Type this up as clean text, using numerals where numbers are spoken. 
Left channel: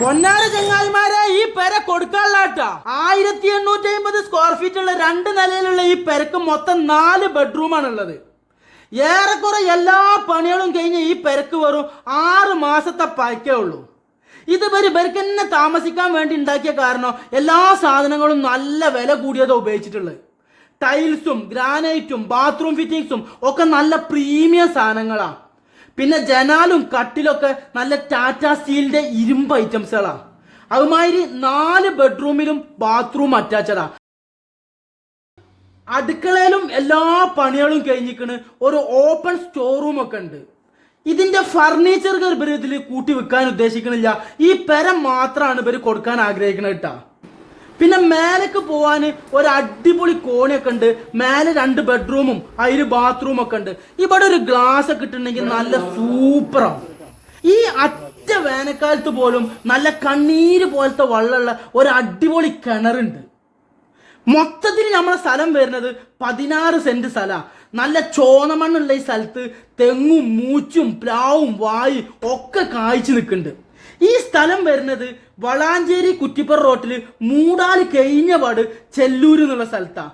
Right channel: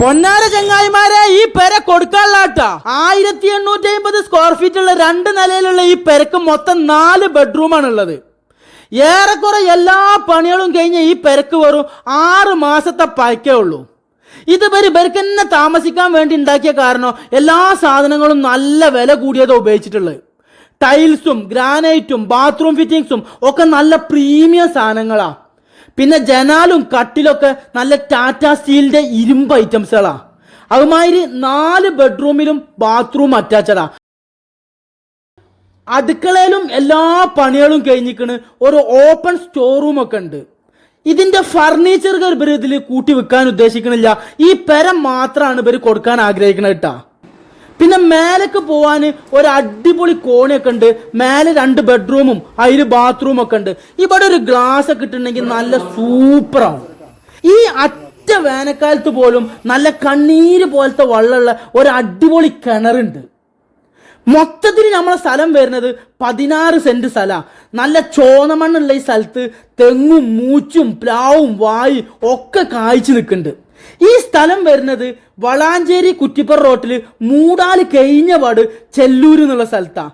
പൊന്നാര ചങ്ങായിമാരെ, ഈ പെര കൊടുക്കാനുള്ളാട്ടാ 1850 സ്ക്വയർ ഫീറ്റ് ഉള്ള 2 നിലയിലുള്ള ഈ പെരക്ക് മൊത്തം 4 ബെഡ്റൂമാണ് ഉള്ളത്. ഏറെക്കുറെ എല്ലാ പണികളും കഴിഞ്ഞ് ഈ പെരക്ക് വെറും 6 മാസത്തെ പഴക്കേ ഉള്ളൂ. ഇത് ഇവർക്ക് തന്നെ താമസിക്കാൻ വേണ്ടി ഉണ്ടാക്കിയ കാരണം എല്ലാ സാധനങ്ങളും നല്ല വില കൂടിയതോ ഉപയോഗിച്ചിട്ടുള്ളത്. ടൈൽസും ഗ്രാനൈറ്റും ബാത്റൂം ഫിറ്റിങ്സും ഒക്കെ നല്ല പ്രീമിയം സാധനങ്ങളാണ്. പിന്നെ ജനാലും കട്ടിലൊക്കെ നല്ല ടാറ്റ സ്റ്റീലിന്റെ ഇരുമ്പ് ഐറ്റംസുകളാ. അതുമാതിരി 4 ബെഡ്റൂമിലും ബാത്റൂം അറ്റാച്ചഡാ. അടുക്കളയിലും എല്ലാ പണികളും കഴിഞ്ഞിക്കണ്. ഒരു ഓപ്പൺ സ്റ്റോർ റൂം ഒക്കെ ഉണ്ട്. ഇതിന്റെ ഫർണിച്ചറുകൾ ഇവർ ഇതിൽ കൂട്ടി വെക്കാൻ ഉദ്ദേശിക്കണില്ല. ഈ പെര മാത്രമാണ് ഇവർ കൊടുക്കാൻ ആഗ്രഹിക്കുന്നത് കേട്ടാ. പിന്നെ മേലേക്ക് പോവാൻ ഒരു അടിപൊളി കോണിയൊക്കെ ഉണ്ട്. മേലെ 2 ബെഡ്റൂമും അതിൽ ബാത്റൂം ഒക്കെ ഉണ്ട്. ഇവിടെ ഒരു ഗ്ലാസ് ഒക്കെ ഇട്ടുണ്ടെങ്കിൽ നല്ല സൂപ്പറാണ്. ഈ അറ്റ വേനൽക്കാലത്ത് പോലും നല്ല കണ്ണീര് പോലത്തെ വെള്ളമുള്ള ഒരു അടിപൊളി കിണറുണ്ട്. മൊത്തത്തിൽ നമ്മളെ സ്ഥലം വരുന്നത് 16 സെന്റ് സ്ഥലമാണ്. നല്ല ചോന്നമണ്ണുള്ള ഈ സ്ഥലത്ത് തെങ്ങും മൂച്ചും പ്ലാവും വായും ഒക്കെ കായ്ച്ചു നിൽക്കുന്നുണ്ട്. ഈ സ്ഥലം വരുന്നത് വളാഞ്ചേരി കുറ്റിപ്പുറ റോട്ടിൽ മൂടാല് കഴിഞ്ഞ പാട് ചെല്ലൂര് എന്നുള്ള സ്ഥലത്താണ്.